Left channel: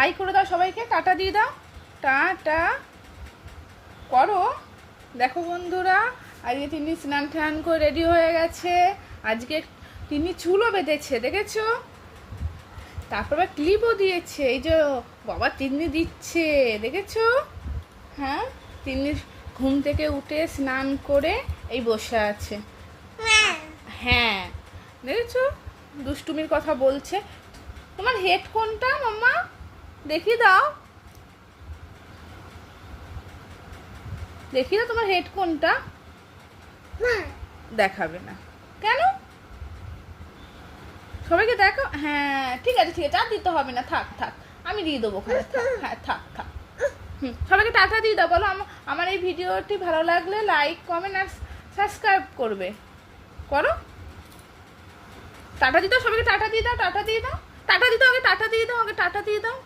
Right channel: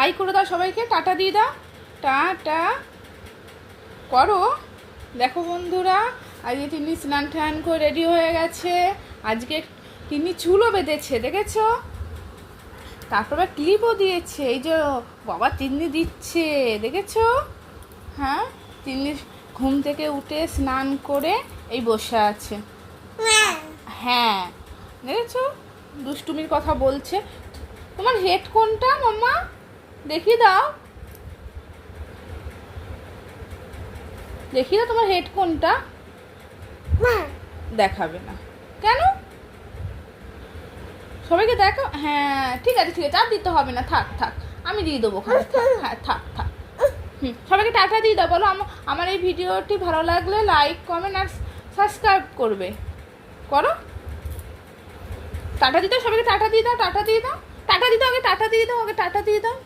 High করে দাও সবাইকে, টাটা দিয়ে দাও, টাটা করো। দেখো বন্ধুরা, আজকে তিনি স্নান টান করে রেডি হয়ে গেছে। আজকে তিনি চুলও বেঁধেছে, দেখেছো? তারপরে ক্লিপও দিয়েছে, এই যে বাবা তিন্নি দিচ্ছে, দেখেছো? হ্যাঁ, তিন্নি ঘুম থেকে উঠে স্নান করে এই বসে আছে। হ্যাঁ, দেখেছো? দুষ্টুমির কথা বলছে। তোমার হেড কোনটা মাম্মা? দেখিয়ে দাও, দেখিয়ে দাও তোমার হেড কোনটা। দেখাবে না কেন? সবাইকে দেখো। হ্যাঁ ঠিক আছে ঠিক আছে, আর দিতে হবে না, থাক থাক, আমি দিয়ে দেবো। হ্যাঁ থাক থাক। সবাইকে টাটা দিয়ে দাও, বলো আমার এই ভিডিওটি ভালো লাগলে লাইক কমেন্ট আর সাবস্ক্রাইব করবে। করো, টাটা দিয়ে দাও সবাইকে, টাটা দিয়ে দাও, টাটা দিয়ে দাও, টাটা দিয়ে দাও, আগে টাটা দিয়ে দাও, আগে টাটা দিয়ে দাও।